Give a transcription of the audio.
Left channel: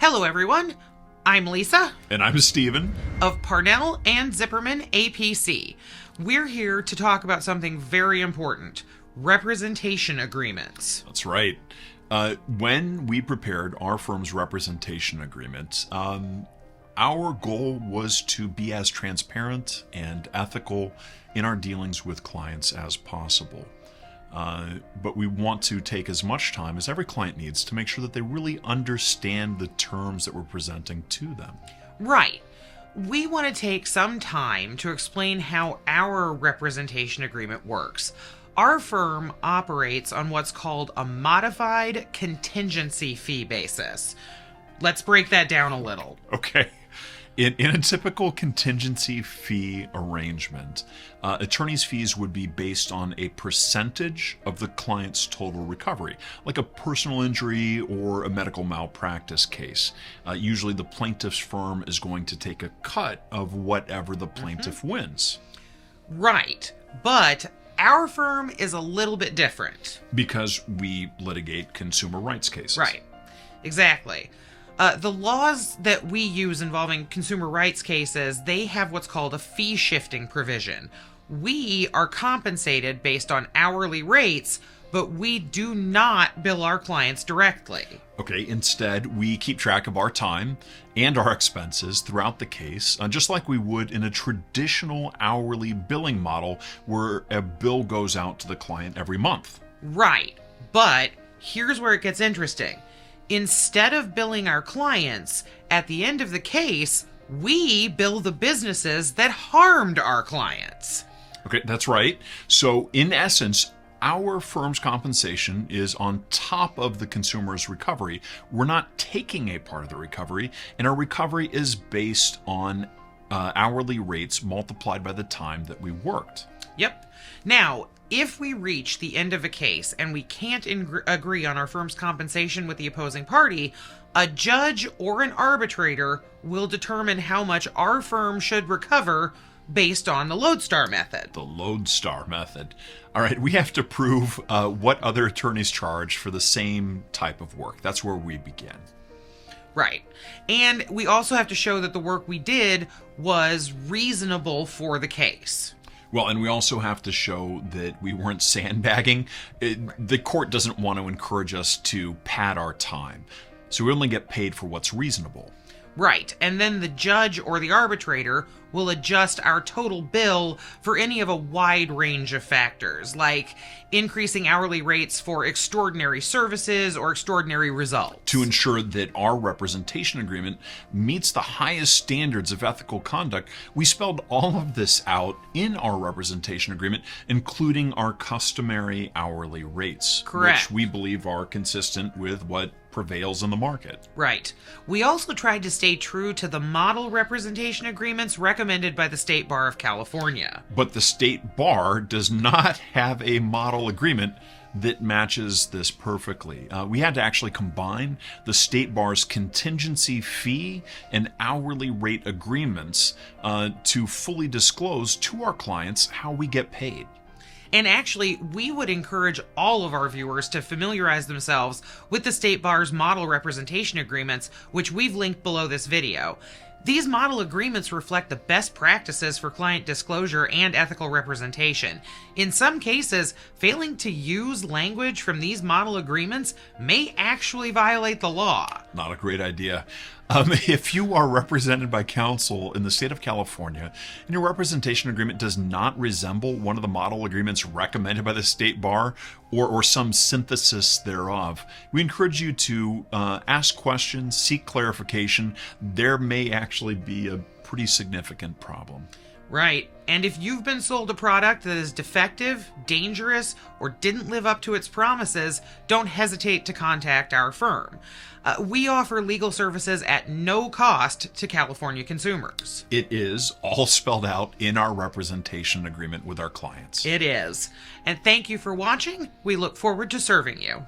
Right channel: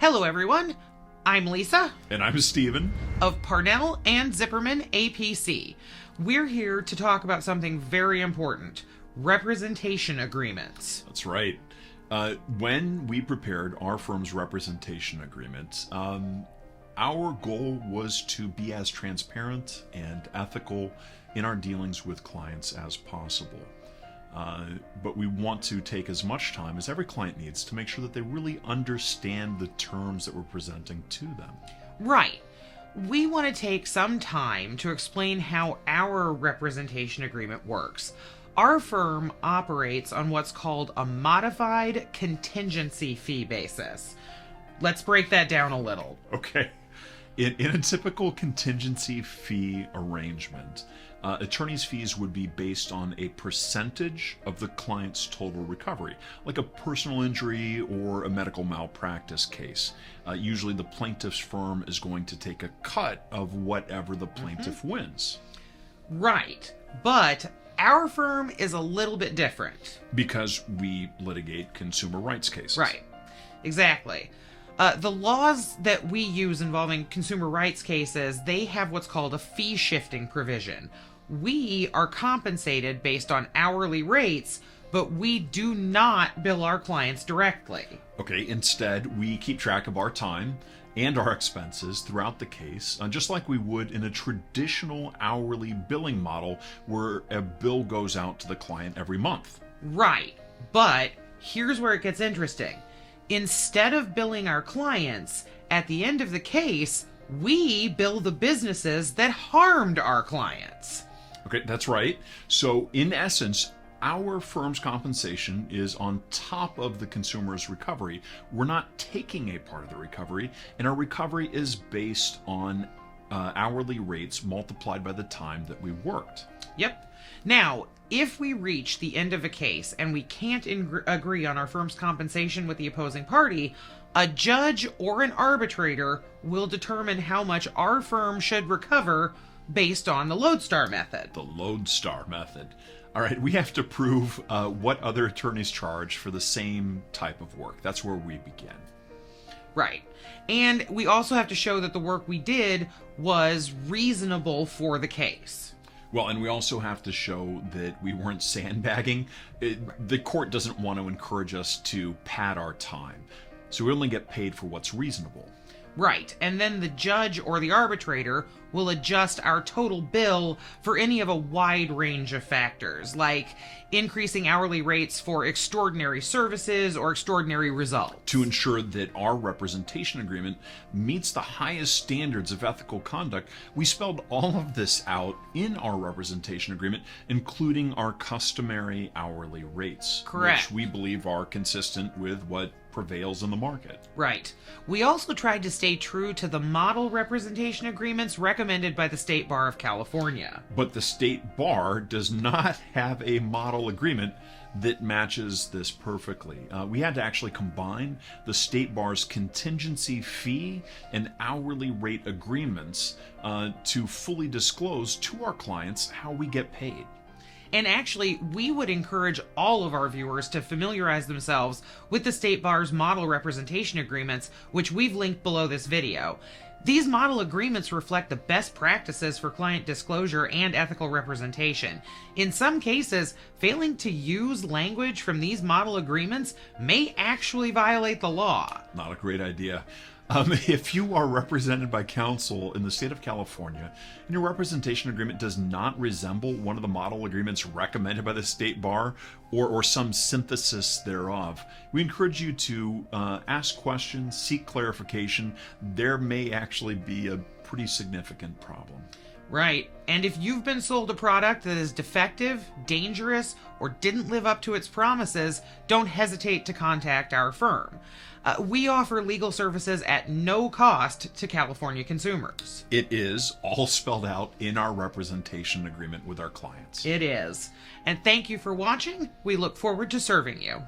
Hello, everyone. I'm Lisa. And I'm Steven. Of Parnell and Ziperman APC. We're here to talk about something very important. Representation agreements. That's right. When we prepared our firm's representation agreement, our goal was to be as transparent and ethical in our dealings with clients as possible. But we want to take as much time as every client needs to make sure that they really understand the terms that we're presenting to them. Right. We want to take some time to explain how our representation agreement works. Our firm operates on what's called a modified contingency fee basis. Let's break that down a little. Okay. In a typical contingency fee arrangement, attorney's fees would be based on a percentage of the client's total recovery, like a personal injury or a medical malpractice case. Usually the plaintiff's firm is going to take a cut of whatever the plaintiff wins. Right, but our firm is a little bit different. Because we litigate consumer rights cases. Right, exactly. The laws that we use involving consumer rights cases, they have what's called a fee shifting provision. We are compensated based on hourly rates, but we do not bill our clients directly. Okay, instead, we keep track of our time and our expenses throughout the case, just like we would in a traditional hourly billing model where a bill goes out to the client every month. Right, but here's where it gets interesting. Instead of billing our clients, at the end of the case, we bill the businesses that harmed our clients. Okay, that's right. So, in essence, our firm's compensation is on top of the consumer's recovery. We're not taking a part of the recovery, and our recovery is based on hourly rates multiplied by the time that we worked. Yep. Now, if we reach the end of a case and we can't agree on our firm's compensation with the opposing party, a judge or an arbitrator will determine how much our firm should recover based on the lodestar method. The lodestar method. All right, we have to prove what other attorneys charge for the same type of work. That's where we begin. Right. And we also have to show that the work we did was reasonable for the case. Well, and we also have to show that we weren't sandbagging. The court doesn't want to encourage us to pad our time. So we only get paid for what's reasonable. Right. And then the judge or the arbitrator will adjust our total bill for any of a wide range of factors, like increasing hourly rates for extraordinary services or extraordinary results. To ensure that our representation agreement meets the highest standards of ethical conduct, we spelled all of this out in our representation agreement, including our customary hourly rates. Correct. Which we believe are consistent with what prevails in the market. Right. We also tried to stay true to the model representation agreements recommended by the State Bar of California. But the State Bar does not have a model agreement that matches this perfectly. We had to actually combine the State Bar's contingency fee and hourly rate agreements to fully disclose to our clients how we get paid. And actually, we would encourage all of our viewers to familiarize themselves with the State Bar's model representation agreements, which we've linked below this video. These model agreements reflect the best practices for client disclosure and ethical representation. In some cases, failing to use language from these model agreements may actually violate the law. Not a great idea. If you are represented by counsel in the state of California and your representation agreement does not resemble one of the model agreements recommended by the State Bar or some synthesis thereof, we encourage you to ask questions, seek clarification. There may actually be a pretty significant problem. Right. And if you've been sold a product that is defective, dangerous, or didn't live up to its promises, don't hesitate to contact our firm. We offer legal services at no cost to California consumers. It is all spelled out in our representation agreement with our clients. It is. And thank you for watching. We look forward to serving you.